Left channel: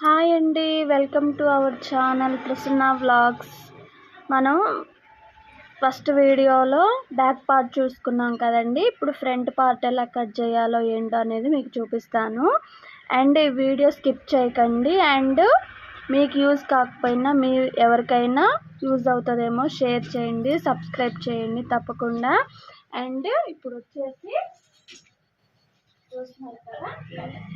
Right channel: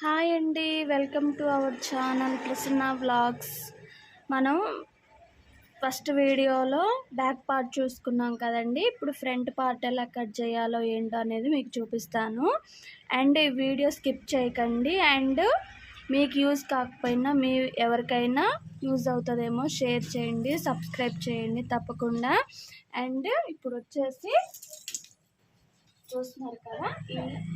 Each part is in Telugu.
హాయ్ అండి, welcome to our channel Prasanna vlogs. మనం ఫస్ట్ వీడియోలో బ్యాక్ పార్ట్ చూసుకున్నాం కదండి. ఇప్పుడు ఫ్రంట్ పార్ట్ ఎలా కట్ చేయాలో ఏంటో అనేది మీకు చూపిస్తాను. అండ్ ఈ వీడియో స్కిప్ చేయకండి. అండ్ మీకు యూజ్ కాకపోయినా ఎవరికైనా యూజ్ అవుతుందేమో షేర్ చేయండి, సబ్స్క్రైబ్ చేయండి తప్పకుండా. అండ్ ఇప్పుడు వచ్చేసి చూస్తున్నారు కదా,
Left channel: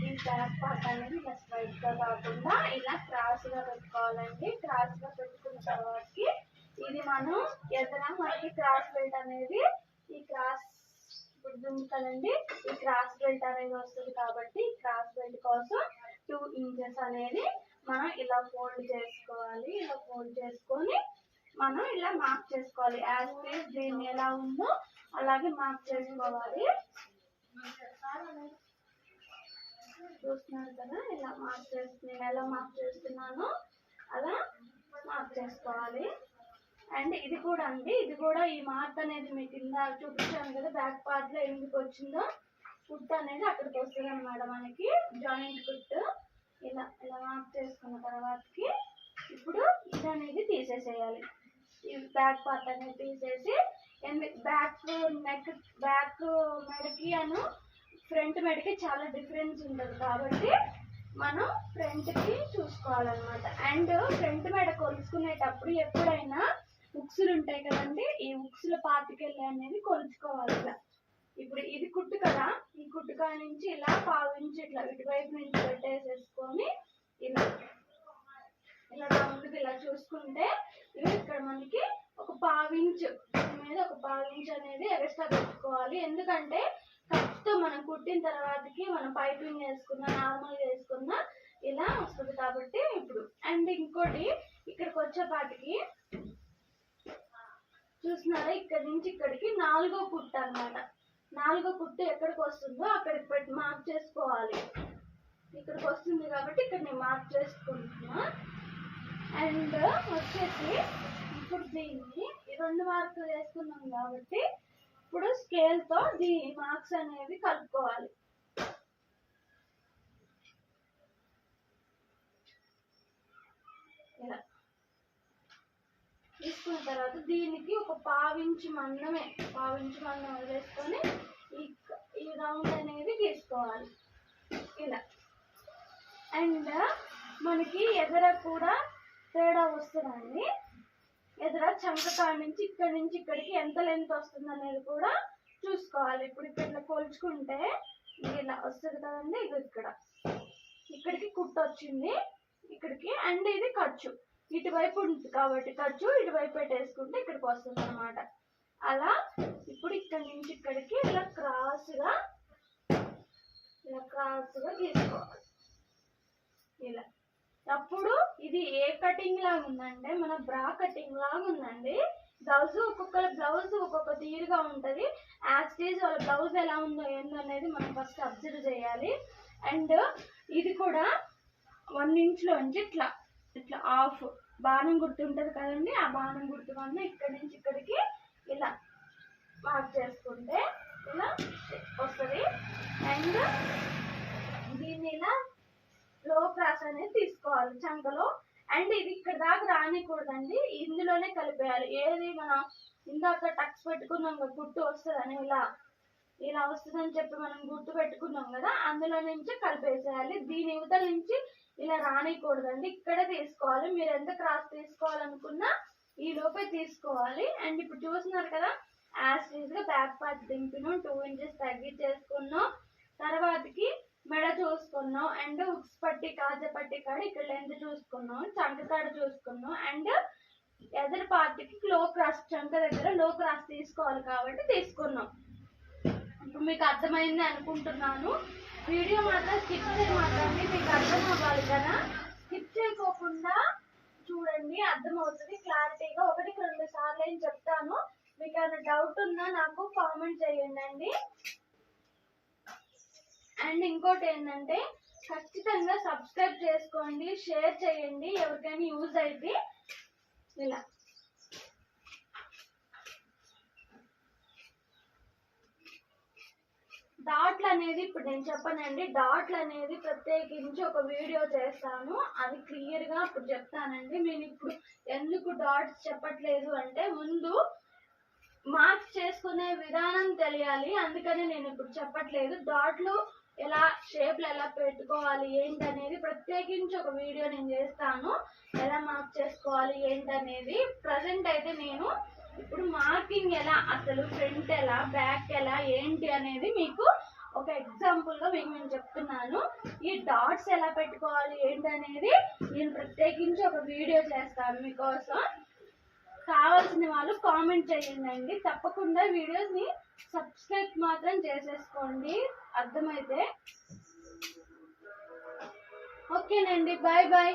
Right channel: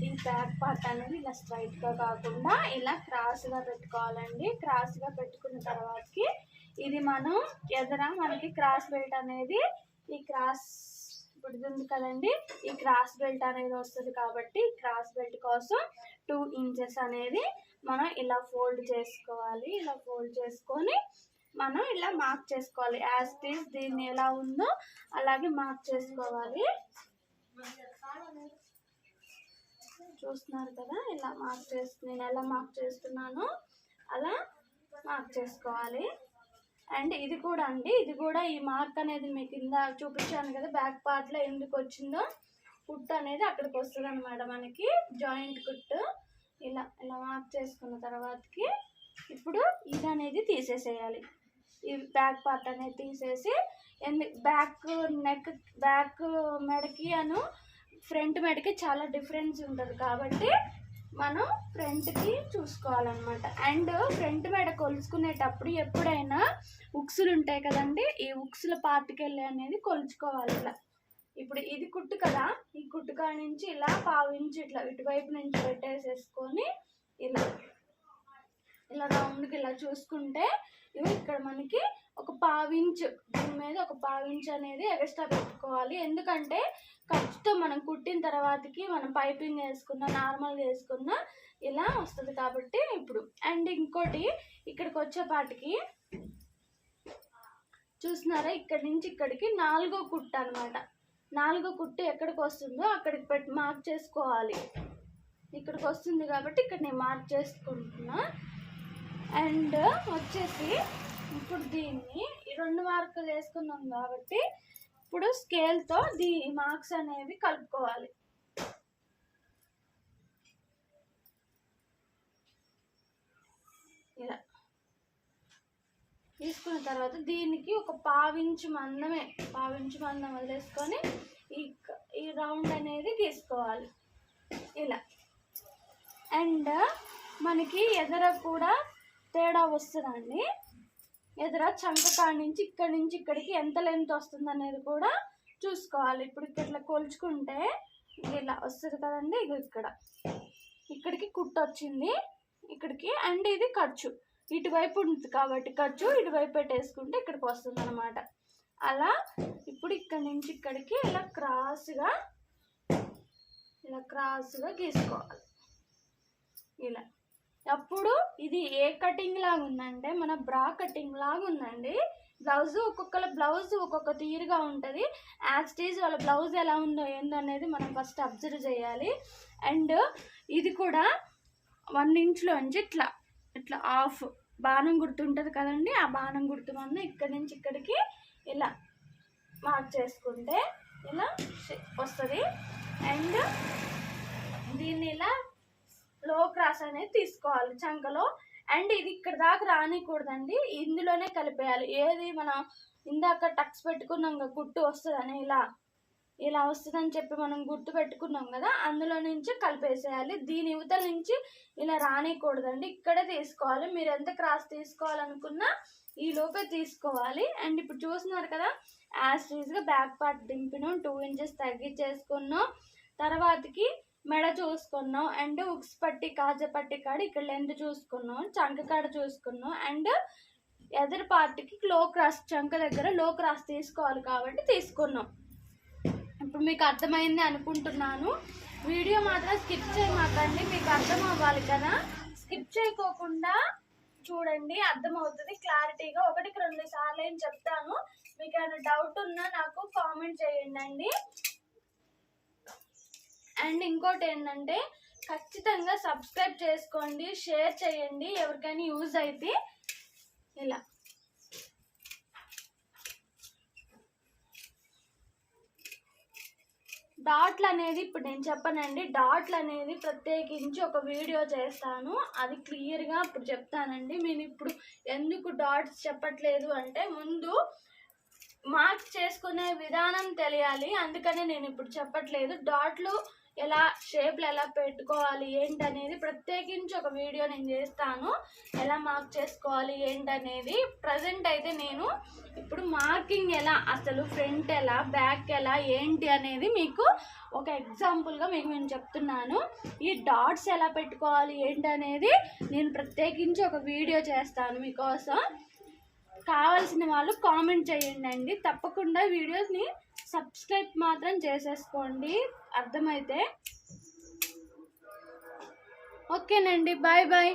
ఈ బ్యాక్ పార్ట్ అనేది ఇలా స్ట్రైట్గా కాకుండా ఇలా క్రాస్గా పెట్టుకోవాలండి. క్రాస్గా పెట్టుకున్న తర్వాతకి ఇది మనం మనకి క్రాస్ బెల్ట్ అనేది ఈ క్రాస్ ఇప్పుడు ఉంది కదండి, ఈ క్రాస్ బెల్ట్ అనేది వస్తుంది. కాబట్టి క్రాస్ బెల్ట్ కోసం 2 ఇంచెస్ అనేది మనం ఇలా ఫోల్డ్ చేసుకోవాలి. ఇలా ఫోల్డ్ చేసుకొని మనం ఇలా మార్క్ చేసుకోవాలి. యాజ్ ఇట్ ఈస్ దీన్ని ఎలా ఉందో అలాగే మార్క్ చేసుకోవాలి. చూస్తున్నారు కదా, ఇలా నేను ఎలా మార్క్ చేస్తున్నానో అలా మార్క్ చేసుకోవాలి. అండ్ ఇది కూడా అండి, ఇది కూడా ఈ మార్క్ అనేది మీకు కింద చూపించాను కదా, బ్యాక్ పార్ట్లో ఎందుకు వచ్చిందో కుట్ అనేది అక్కడికి వస్తుంది అనమాట. మనకి జాయింట్ కుట్ ఇలా ఇలా మార్క్ చేసుకున్న తర్వాతకి ఇప్పుడు ఇది అనేది తీసేసేయాలి. ఈ బ్యాక్ పార్ట్ అనేది తీసేసి బ్యాక్ మెడకి ఫ్రంట్ మెడకి చాలా డిఫరెన్స్ ఉంటుంది. కాబట్టి మనం ఫ్రంట్కి చూసుకోవాలన్నమాట. అండ్ ఫ్రంట్ మెడ కొలుచుకునేటప్పుడు ఎప్పుడైనా ఉక్సులు ఉంటాయి కదండి, ఈ ఉక్సుల పార్ట్కి వెళ్ళి అనేది కొలుచుకోవాలి. ఇలా ఇప్పుడు ఇది కుట్టు కదా, ఈ కుట్టుకా నుంచి ఇలా పావించి ఇట్లా ఇటువైపు నుంచి పెట్టేసేసుకొని ఇలా ఇలా రౌండ్కి ఇలా చూసుకుంటే ఇవి ఇక్కడ మనకి ఒక పావించు, దీని మీద ఒక పావించు అనేది ఎక్స్ట్రా పెట్టుకోవాలి. ఎందుకంటే ఖర్చుతో మనం కుట్టిన తర్వాతకి మనం పైపింగ్ వేసుకున్నా నార్మల్గా వేసుకున్నా ఇలా వస్తుంది కాబట్టి ఇప్పుడు. అండ్ ఇంకోటి ఇక్కడికి వచ్చేపాటికి చూస్తున్నారా, ఇక్కడి నుంచి ఇక్కడికి 4వ కుట్టు అనమాట. 4వ కుట్టు ఎక్కడికి వస్తుందో అక్కడికి పెట్టి మార్క్ చేసుకోవాలి. ఇక్కడికి వస్తుంది కాబట్టి ఇక్కడ నేను మార్క్ చేసుకుంటున్నా. అండ్ వచ్చేసి ఇప్పుడు దీన్ని 2 మార్కులు వేసుకున్నాం కాబట్టి ఇప్పుడు స్కేల్తో మార్క్స్ అనేవి కలుపుకోవాలి. ఇలా తీసుకున్న తర్వాత దీనికి ఒక పావించు మందం వదిలేసుకొని ఈ రౌండ్ అనేది గీసుకోవాలి ఇలా. అండ్ మనకి ఎదర కూడా తేడా వస్తుందండి. ఎదుర చంకకాడ నుంచి ఇక్కడికి ఎంత లెంత్ వస్తుంది అనేది కూడా చూసుకోవాలి. ఇప్పుడు ఇట్లా కొలుచుకుంటే ఇలా వస్తుంది కదండి, ఇక్కడికి కుట్టు వచ్చింది ఇక్కడికి. అండ్ ఇది ఖర్చు ఇటువైపు ఉంటుంది కాబట్టి ఖర్చు ఇటువైపు పెట్టేసుకుంటే ఇక్కడికి వస్తుంది అనమాట. అలా ఇప్పుడు ఇక్కడి నుంచి ఇక్కడికి ఇలా క్రాస్గా గీసుకోవాలి ఇలా. అప్పుడు ఇది ఏ కటింగ్ లాగా ఉందంటే మన బ్రా కటింగ్ లాగా ఉందండి. బ్లౌజ్ ఒక్కొక్క తీరుగా ఉంటుంది. యాజ్ వాళ్ళ బ్లౌజ్ ఎలా ఉందో ఏందో అనేది మనం ఫస్ట్ అబ్జర్వ్ చేయాలి. అండ్ ఇది కూడా 1 ఇంచ్లోంచి ఇట్లా హాఫ్ బాణం గుర్తు ఉంటుంది కదండి, ఆ బాణం గుర్తు వల్ల ఇక్కడి నుంచి ఇక్కడికి ఇలా మార్క్ చేసుకుంటే ఇలా వస్తుంది. అండ్ దీన్ని ఇలా లో క్రాస్ అనేది తీసుకోవాలి చంకలో. అండ్ ఇది ఇక్కడ దాకా రానికూడదండి, ఇందులోనే కలిపేయాలి. ఏది మనం ఇందాక టక్స్ పెట్టుకున్నాం కదా, కుట్టు వస్తుందని ఇలా వస్తుందని చెప్పి మనం గుర్తు పెట్టుకున్నాం కదా, అందులో నుంచి కలిపేసేయాలి. దీని యువతల నుంచి ఇలా రానికూడదండి, ఇక్కడే తీసుకోవాలి. మీరు ఎంత క్రాస్ తీసుకోవాలనుకున్నా ఈ లోపే తీసుకోవాలి. అండ్ ఇప్పుడు చూస్తున్నారు కదా, యాస్టీజ్గా బ్యాక్ పార్ట్ దింపినాం, 2 ఇంచెస్ తగ్గించేసుకున్నాం. తర్వాతకి మెడ చూసుకున్నాం. అండ్ ఉక్స్ పట్టి కాజపట్టి కాడ ఇక్కడ లెంత్ చూసుకున్నాం, చంక కాడ చూసుకున్నాం. అండ్ ఎదర్ పార్ట్కి చంక దగ్గర లో క్రాస్ తీసుకోవాలి కాబట్టి తీసుకున్నాం. ఇప్పుడు మీకు అర్థమైంది అనుకుంటున్నాను. వీడియో మాత్రం స్కిప్ చేయమాకండి, మీకు అర్థం అవ్వాలి కదా. స్కిప్ చేయకోకుండా చూడండి, అర్థమవుతుంది క్లారిటీగా. 1కి 2 సార్లు ఏం చెప్తాను. మీకు ఏమైనా డౌట్ ఉన్నా నాకు కామెంట్ చేయండి. అండ్ ఇంకోటి ఏంటంటే ఖచ్చితంగా సబ్స్క్రైబ్ చేసుకోండి, షేర్ చేయండి, ఎవరికైనా యూజ్ అయితే. ఇలా డాట్లు అనేది ఇప్పుడు నేను చెప్పనండి, డాట్లు అనేది ప్రత్యేకించి ఒక వీడియో చేస్తాను, అది క్లియర్గా ఇప్పుడు చెప్తానండి. నేను ఇప్పుడు ఎందుకు డాట్స్ చెప్పట్లేదు అంటే ముందు మార్క్ చేసుకునే విధానం తెలియాలి, అందుకని నేను ఇప్పుడు చెప్పట్లేదు. డాట్లు ఎలా షేప్లు ఎలా పెట్టుకోవాలి ఏంటనేది ప్రత్యేకించి ఒక వీడియో నేను చేస్తాను, ఎలా మార్క్ చేసుకోవాలి ఏంటనేది. ప్రజెంట్ అయితే నేను ఇప్పుడు మార్కింగ్ ఎలా, అసలు ఫ్రంట్ ఎలా బ్యాక్ ఎలా ఏంటి అనేది మీకు ఒక ఎగ్జాంపుల్గా మీకు నేను చెప్తున్నాను. ఈ డాట్స్ ఎలా పెట్టుకోవాలి ఏంటనేది నేను ప్రత్యేకించి ఒక వీడియో చేస్తాను మీకోసం. కావాల్సిన వాళ్ళు కామెంట్ చేయండి. తప్పకుండా వీడియోని సబ్స్క్రైబ్ మాత్రం చేసేసుకోండి, అర్థమైతే. ఓకేనండి, బాయ్ బాయ్.